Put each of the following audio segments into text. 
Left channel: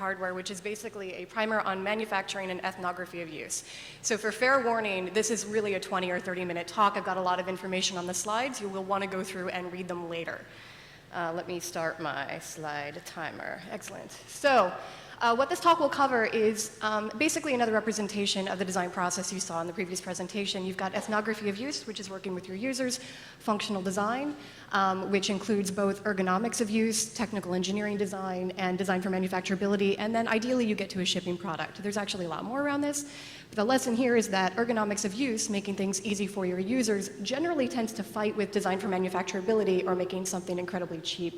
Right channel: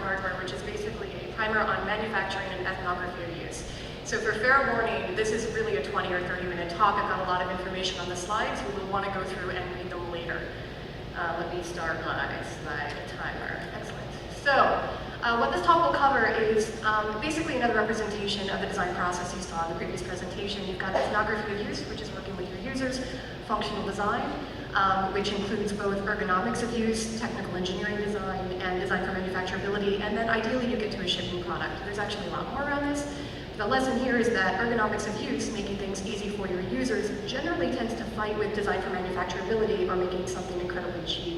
hardware, which is basically a primer on manufacturing and ethnography of use. So for fair warning, this is really a 20 or 30-minute talk. I've got a lot of information on the slides. You will want to go through and read them later. Let me start my slide timer. Excellent. So what this talk will cover is basically another representation of the design process you saw in the previous presentation. You've got ethnography of use, which is working with your users, functional design, which includes both ergonomics of use, technical engineering design, and design for manufacturability, and then ideally you get to a shipping product. There's actually a lot more around this. The lesson here is that ergonomics of use, making things easy for your users, generally tends to fight with design for manufacturability or making something incredibly cheap.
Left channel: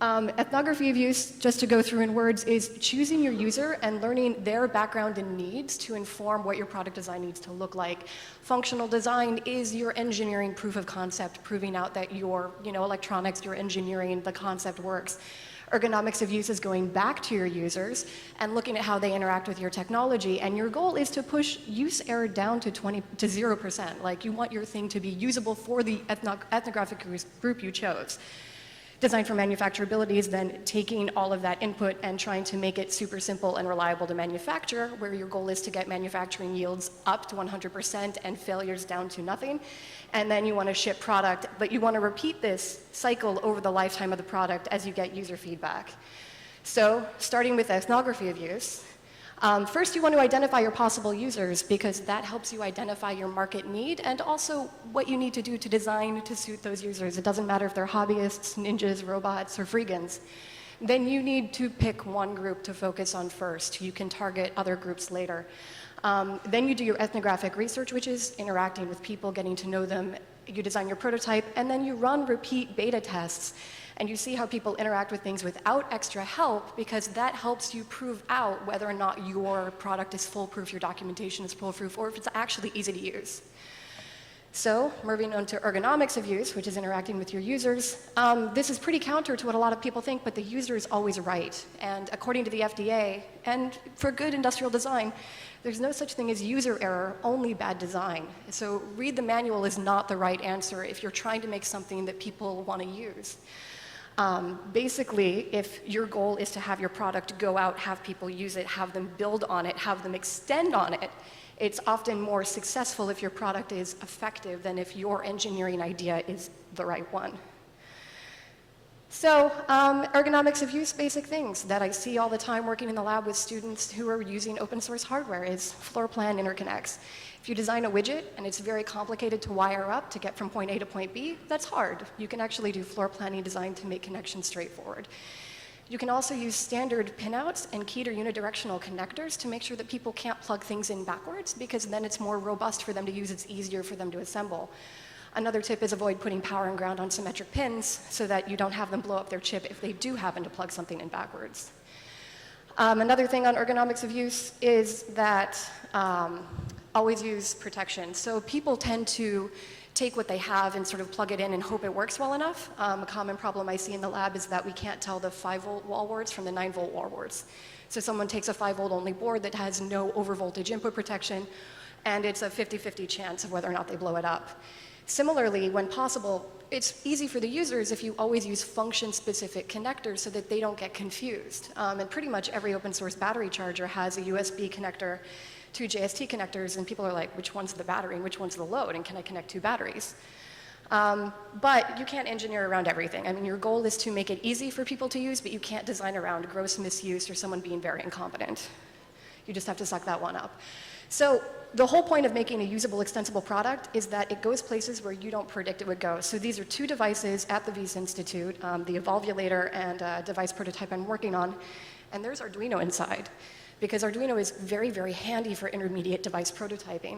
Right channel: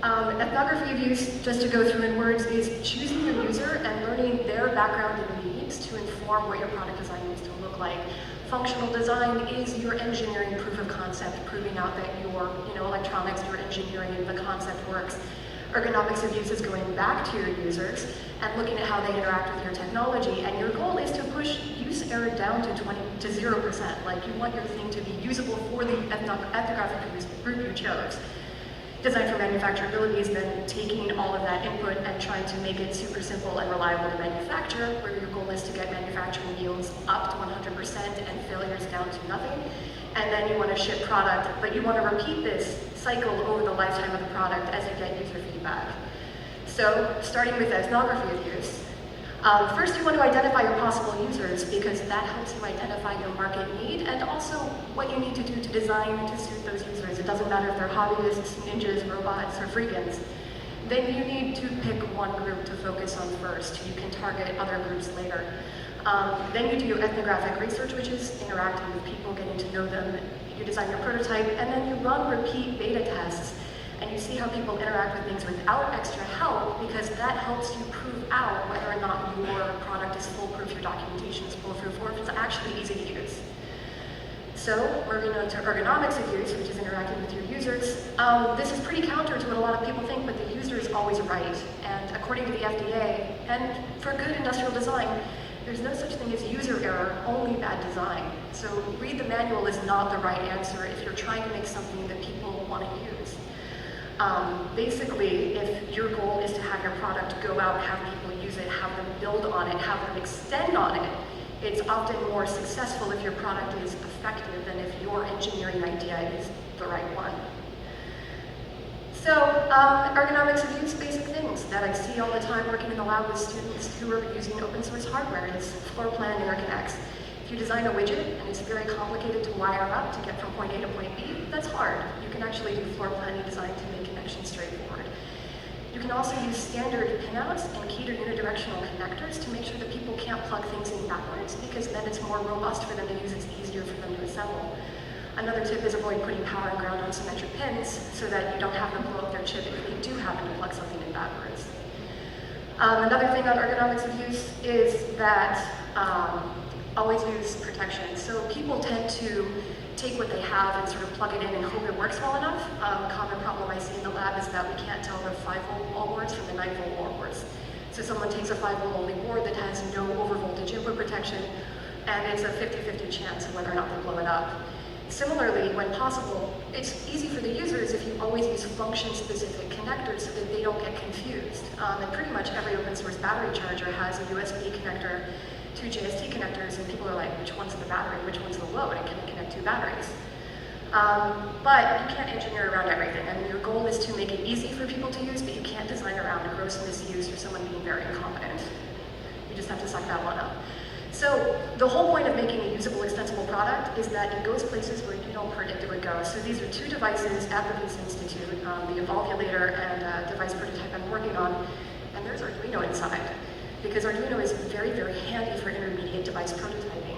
Ethnography of use, just to go through in words, is choosing your user and learning their background and needs to inform what your product design needs to look like. Functional design is your engineering proof of concept, proving out that your electronics, your engineering, the concept works. Ergonomics of use is going back to your users and looking at how they interact with your technology, and your goal is to push use error down to 0%. Like, you want your thing to be usable for the ethnographic group you chose. Design for manufacturability is then taking all of that input and trying to make it super simple and reliable to manufacture, where your goal is to get manufacturing yields up to 100% and failures down to nothing. And then you want to ship product, but you want to repeat this cycle over the lifetime of the product as you get user feedback. So, starting with ethnography of use, first you want to identify your possible users, because that helps you identify your market need and also what you need to do to design to suit those users. It doesn't matter if they're hobbyists, ninjas, robots, or freegans. Then you need to pick one group to focus on first. You can target other groups later. Then you do your ethnographic research, which is interacting with people, getting to know them. You design your prototype, and then you run repeat beta tests, and you see how people interact with things without extra help, because that helps you prove out whether or not your product is foolproof, your documentation is foolproof, or if it's actually easy to use. So, moving on to ergonomics of use, which is interacting with your users. This is pretty counter to what a lot of people think, but the user is always right. And according to the FDA, and for good industrial design, there's no such thing as user error, only bad design. So read the manual is not the right answer if you're trying to make something that people want to use. Basically, if your goal is to have your product go out, have people use it, have them build on it, have them extend on it, it's often more successful if your product is effective than if your engineering idea is the right one. So, ergonomics of use, basic things that I see all the time working in the lab with students who are using open source hardware is floor plan interconnects. If you design a widget and it's very complicated to wire up to get from point A to point B, that's hard. You can actually do floor planning design to make connections straightforward. You can also use standard pinouts and keyed or unidirectional connectors to make sure that people can't plug things in backwards, because then it's more robust for them to use, it's easier for them to assemble. Another tip is avoid putting power and ground on symmetric pins so that you don't have them blow up their chip if they do happen to plug something in backwards. Another thing on ergonomics of use is that always use protection. So people tend to take what they have and sort of plug it in and hope it works well enough. A common problem I see in the lab is that we can't tell the 5-volt wall boards from the 9-volt wall boards. So someone takes a 5-volt only board that has no overvoltage input protection, and it's a 50-50 chance of whether or not they blow it up. Similarly, when possible, it's easy for the users if you always use function-specific connectors so that they don't get confused. And pretty much every open source battery charger has a USB connector, 2 JST connectors, and people are like, which one's the battery, which one's the load, and can I connect 2 batteries? But you can't engineer around everything, and your goal is to make it easy for people to use, but you can't design around gross misuse or someone being very incompetent. You just have to suck that one up. So the whole point of making a usable, extensible product is that it goes places where you don't predict it would go. So these are 2 devices at the Wyss Institute, the Evolvulator and device prototype I'm working on, and there's Arduino inside, because Arduino is very, very handy for intermediate device prototyping.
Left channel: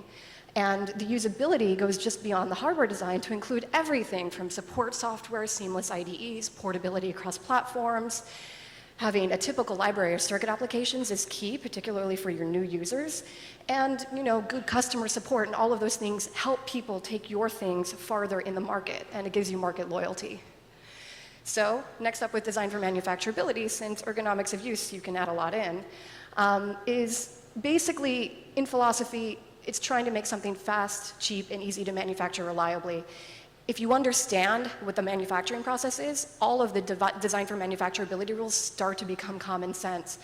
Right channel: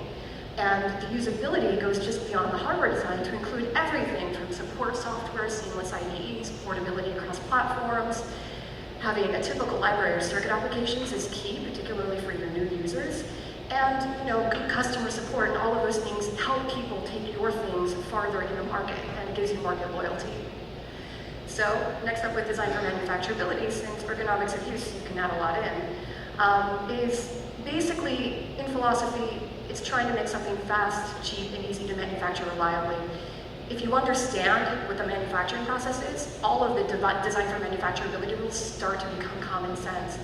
And the usability goes just beyond the hardware design to include everything from support software, seamless IDEs, portability across platforms. Having a typical library of circuit applications is key, particularly for your new users. And good customer support and all of those things help people take your things farther in the market, and it gives you market loyalty. So next up with design for manufacturability, since ergonomics of use, you can add a lot in, is basically, in philosophy, it's trying to make something fast, cheap, and easy to manufacture reliably. if you understand what the manufacturing process is, all of the design for manufacturability rules start to become common sense.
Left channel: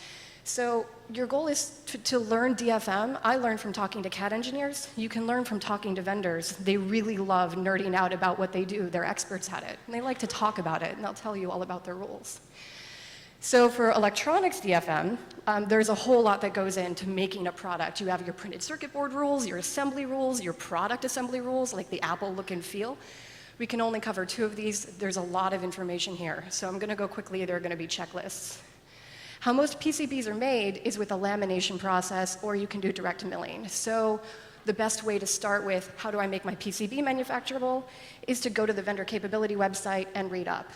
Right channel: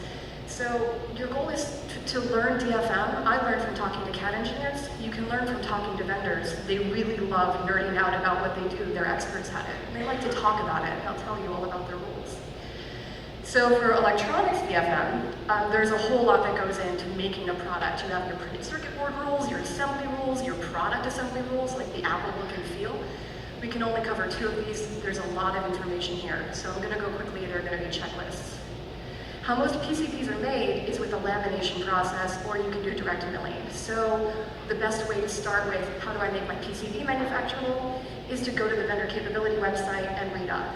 So your goal is to learn DFM. I learned from talking to CAD engineers. You can learn from talking to vendors. They really love nerding out about what they do. They're experts at it. They like to talk about it, and they'll tell you all about their rules. So for electronics DFM, there's a whole lot that goes into making a product. You have your printed circuit board rules, your assembly rules, your product assembly rules, like the Apple look and feel. We can only cover 2 of these. There's a lot of information here. So I'm gonna go quickly. There are gonna be checklists. How most PCBs are made is with a lamination process, or you can do direct milling. So the best way to start with how do I make my PCB manufacturable is to go to the vendor capability website and read up.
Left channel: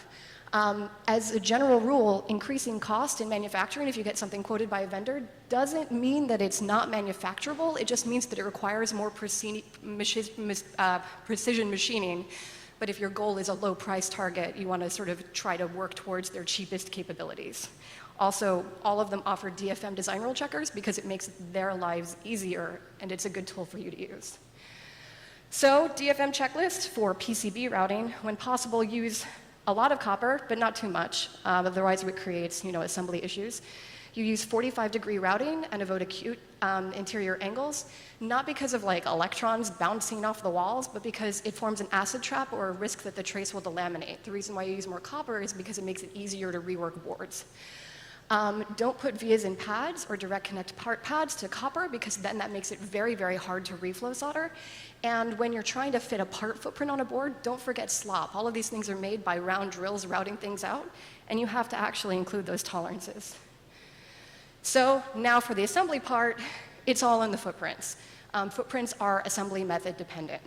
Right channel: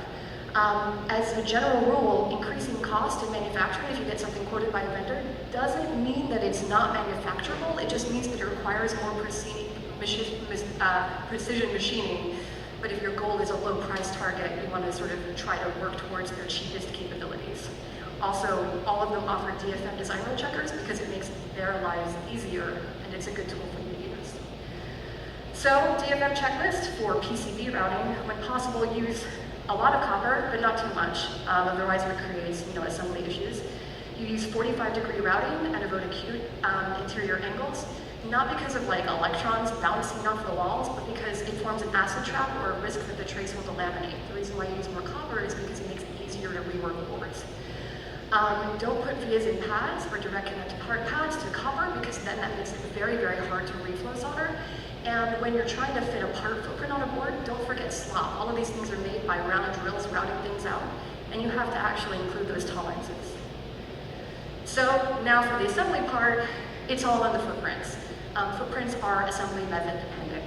As a general rule, increasing cost in manufacturing, if you get something quoted by a vendor, doesn't mean that it's not manufacturable. It just means that it requires more precision machining. But if your goal is a low price target, you want to sort of try to work towards their cheapest capabilities. Also, all of them offer DFM design rule checkers because it makes their lives easier, and it's a good tool for you to use. So, DFM checklist for PCB routing. When possible, use a lot of copper, but not too much. Otherwise, it creates, assembly issues. You use 45-degree routing and avoid acute interior angles, not because of electrons bouncing off the walls, but because it forms an acid trap or a risk that the trace will delaminate. The reason why you use more copper is because it makes it easier to rework boards. Don't put vias in pads or direct connect part pads to copper, because then that makes it very, very hard to reflow solder. And when you're trying to fit a part footprint on a board, don't forget slop. All of these things are made by round drills routing things out, and you have to actually include those tolerances. So now for the assembly part, it's all in the footprints. Footprints are assembly method dependent.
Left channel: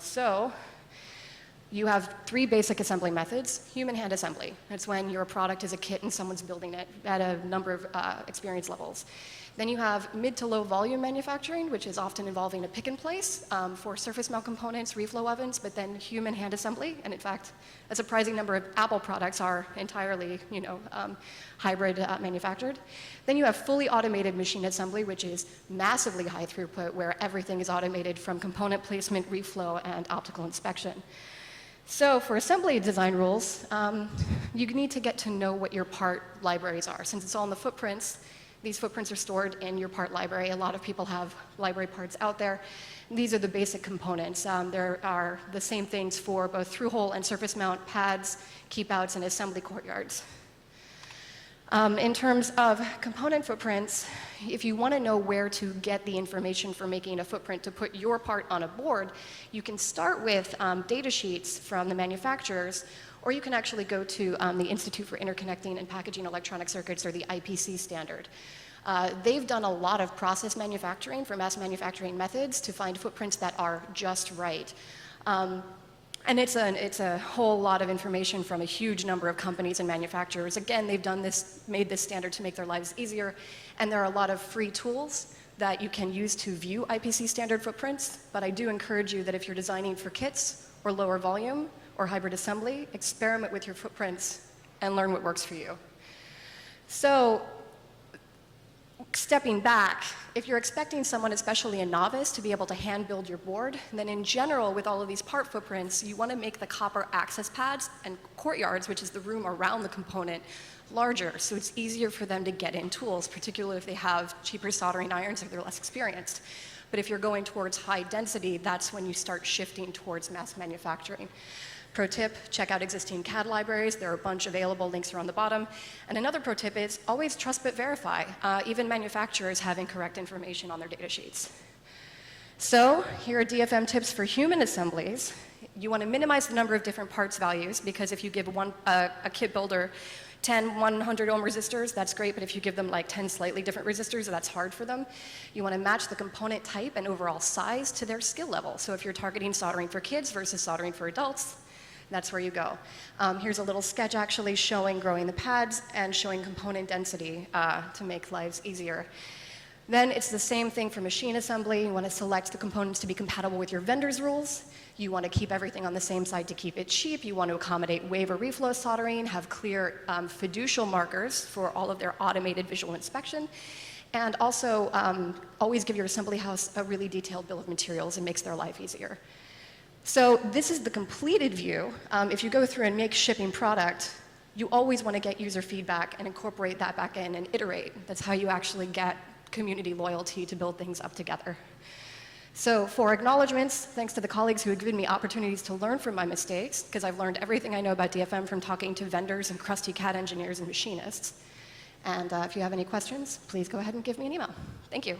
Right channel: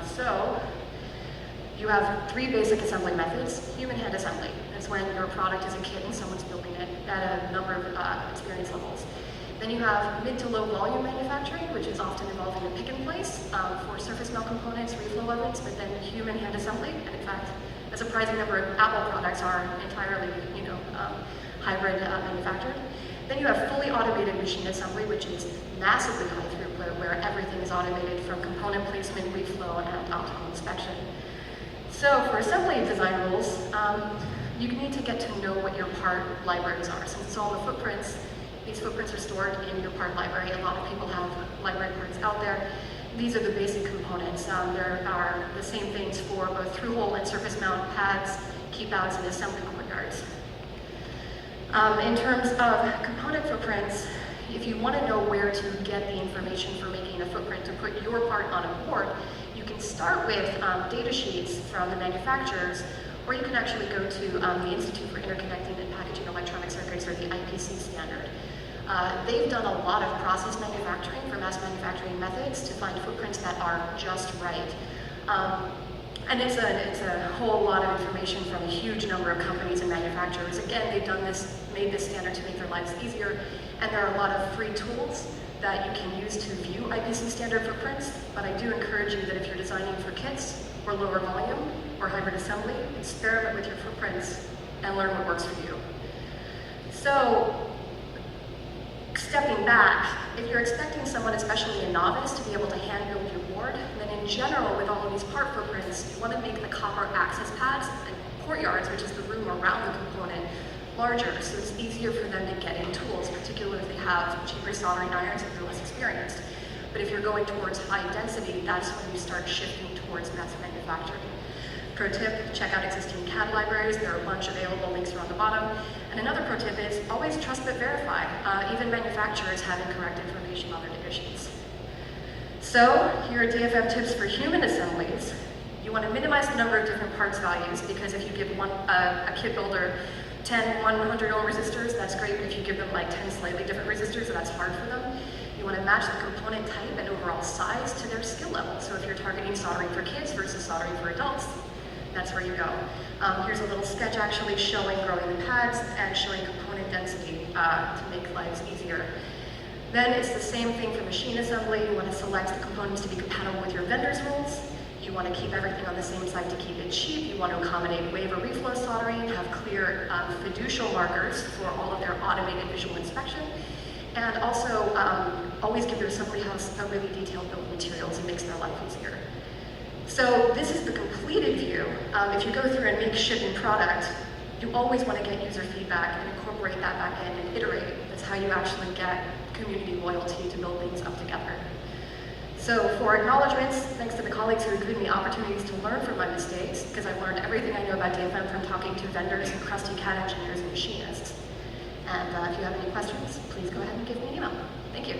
So you have 3 basic assembly methods. Human hand assembly. It's when your product is a kit and someone's building it at a number of experience levels. Then you have mid to low volume manufacturing, which is often involving a pick and place for surface mount components, reflow ovens, but then human hand assembly. And in fact, a surprising number of Apple products are entirely, hybrid manufactured. Then you have fully automated machine assembly, which is massively high throughput, where everything is automated from component placement, reflow, and optical inspection. So for assembly design rules, you need to get to know what your part libraries are. Since it's all in the footprints, these footprints are stored in your part library. A lot of people have library parts out there. These are the basic components. There are the same things for both through-hole and surface mount pads, keep-outs, and assembly courtyards. In terms of component footprints, if you want to know where to get the information for making a footprint to put your part on a board, you can start with data sheets from the manufacturers, or you can actually go to the Institute for Interconnecting and Packaging Electronic Circuits, or the IPC standard. They've done a lot of process manufacturing for mass manufacturing methods to find footprints that are just right. And it's a whole lot of information from a huge number of companies and manufacturers. Again, they've made this standard to make their lives easier, and there are a lot of free tools that you can use to view IPC standard footprints, but I do encourage you that if you're designing for kits or lower volume or hybrid assembly, experiment with your footprints and learn what works for you. So, stepping back, if you're expecting someone, especially a novice, to be able to hand build your board, then in general, with all of these part footprints, you want to make the copper access pads and courtyards, which is the room around the component, larger, so it's easier for them to get in tools, particularly if they have cheaper soldering irons if you're less experienced. But if you're going towards high density, that's when you start shifting towards mass manufacturing. Pro tip, check out existing CAD libraries. There are a bunch available, links are on the bottom. And another pro tip is always trust but verify. Even manufacturers have incorrect information on their data sheets. So here are DFM tips for human assemblies. You want to minimize the number of different parts values, because if you give a kit builder 10 100 ohm resistors, that's great, but if you give them 10 slightly different resistors, that's hard for them. You want to match the component type and overall size to their skill level. So if you're targeting soldering for kids versus soldering for adults, that's where you go. Here's a little sketch actually showing growing the pads and showing component density to make lives easier. Then it's the same thing for machine assembly. You want to select the components to be compatible with your vendor's rules. You want to keep everything on the same side to keep it cheap. You want to accommodate wave or reflow soldering, have clear fiducial markers for all of their automated visual inspection, and also always give your assembly house a really detailed bill of materials. It makes their life easier. So this is the completed view. If you go through and make shipping product, you always want to get user feedback and incorporate that back in and iterate. That's how you actually get community loyalty to build things up together. So for acknowledgements, thanks to the colleagues who have given me opportunities to learn from my mistakes, because I've learned everything I know about DFM from talking to vendors and crusty CAD engineers and machinists. And if you have any questions, please go ahead and give me an email. Thank you.